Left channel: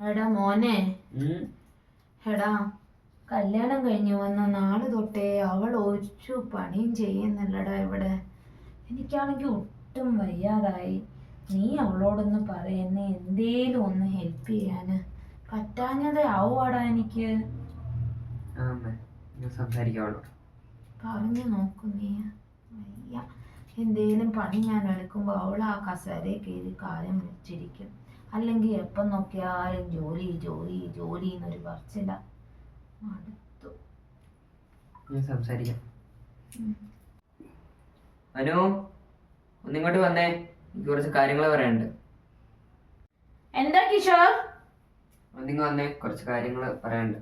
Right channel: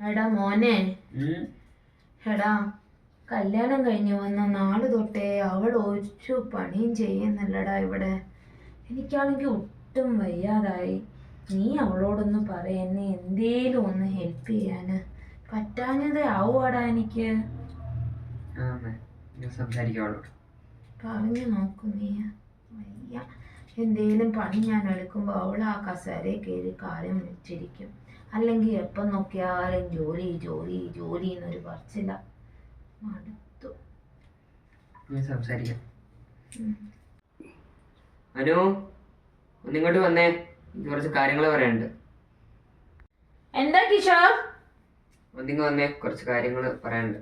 എടാ മോനെ, എടാ കല്യാണം കഴിഞ്ഞു വന്ന നാള് തൊട്ടേ അവൾ ഒരു പണിയും ചെയ്യുന്നില്ലടാ ഇവിടെ. എനിക്കാണെങ്കിൽ ഒട്ടും വയ്യാതായി. നീ അവളോടൊന്ന് പറ, എന്നെ എന്തേലും ഒന്ന് ഹെൽപ്പ് ചെയ്യാന്. പറ്റാഞ്ഞതേ ആവുവാടാ എനിക്ക്. പറഞ്ഞു നോക്കു നീ. വയ്യ. എന്തേലും പണി ഞാൻ എടുക്കുമ്പോൾ അവൾ ആ കസേരയിൽ കയറി കാര്യം വെച്ചിരിക്കും. അല്ലെങ്കിൽ എപ്പം നോക്കിയാലും ജോലി ജോലി ജോലി എന്നൊരു പറച്ചില്ല. മടുത്തു. സംസാരിക്കാം. അനു, ഒന്നിങ്ങോട്ട് വന്നേ, കുറച്ച് കാര്യങ്ങൾ പറയാനുണ്ട്. എന്താ കിഷോർ? ഒന്നിങ്ങ് വന്നേ, കുറച്ച് കാര്യങ്ങൾ പറയാനുണ്ട്.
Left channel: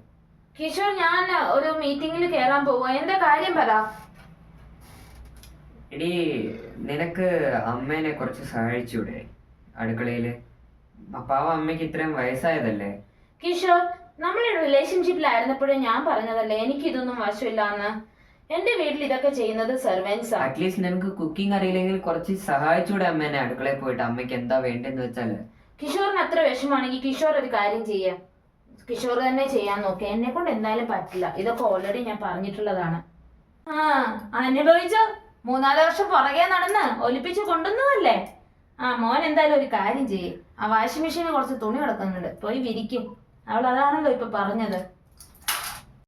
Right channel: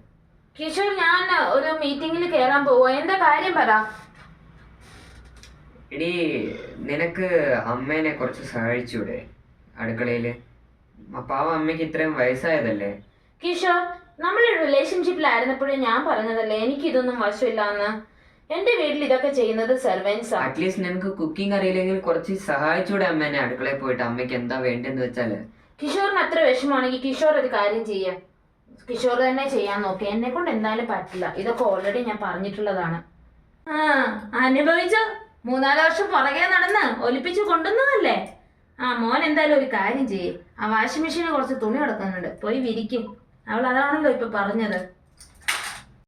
കിഷോർ, ഞാൻ ഒരു മീറ്റിംഗിൽ കയറാൻ പോവാ. എന്താ കാര്യം പറ. എടീ, നിനക്ക് അമ്മേനെ കുറച്ച് സഹായിച്ചൂടെ അടുക്കളയില്? പാവം അമ്മയ്ക്ക് ഇത്രയും വയസ്സായതല്ലേ. കിഷോർ, നമ്മൾ റിലേഷൻഷിപ്പിലായിരുന്നപ്പോഴേ ഞാൻ പറഞ്ഞതല്ലേ എനിക്ക് ഇതൊന്നും വശമില്ലാന്ന്. എന്റെ വീട്ടിൽ ഇതൊക്കെ ചെയ്യുന്നത് സെർവൻസ്. അറ്റ്ലീസ്റ്റ് നിനക്ക് കുക്കിംഗ് അറിയില്ലെങ്കിൽ കുറച്ച് സഹായിച്ചൂടെ അമ്മേനെ അടുക്കളയിൽ പോയിട്ട്? അമ്മയ്ക്ക് എന്താ വേണ്ടെന്ന് വെച്ചാല്. കിഷോറിന് അത്ര വിഷമാണെങ്കിൽ കിഷോർ ഒരു കാര്യം ചെയ്യാം. കിഷോർ തന്നെ ചെയ്യാൻ നോക്കി. എന്നെ കൊണ്ട് എന്തായാലും പറ്റില്ല. ഇതൊക്കെ ഓൾറെഡി ഞാൻ പറഞ്ഞിട്ടുള്ളതാണ്. അനുഭവിച്ചോ. 3-4 വർഷം പുറകെ നടന്ന് ഒലിപ്പിച്ച് കൊണ്ടുവന്നതല്ലേ. മോൻ എന്തായാലും ഒരു കാര്യം ചെയ്യേ. ആ വാഷിംഗ് മെഷീനിൽ കുറച്ച് തുണി കിടക്കുന്നുണ്ട്, പോയി വിരിക്കും. അവൾ അതാണല്ലോ ഇപ്പൊ പറഞ്ഞത്.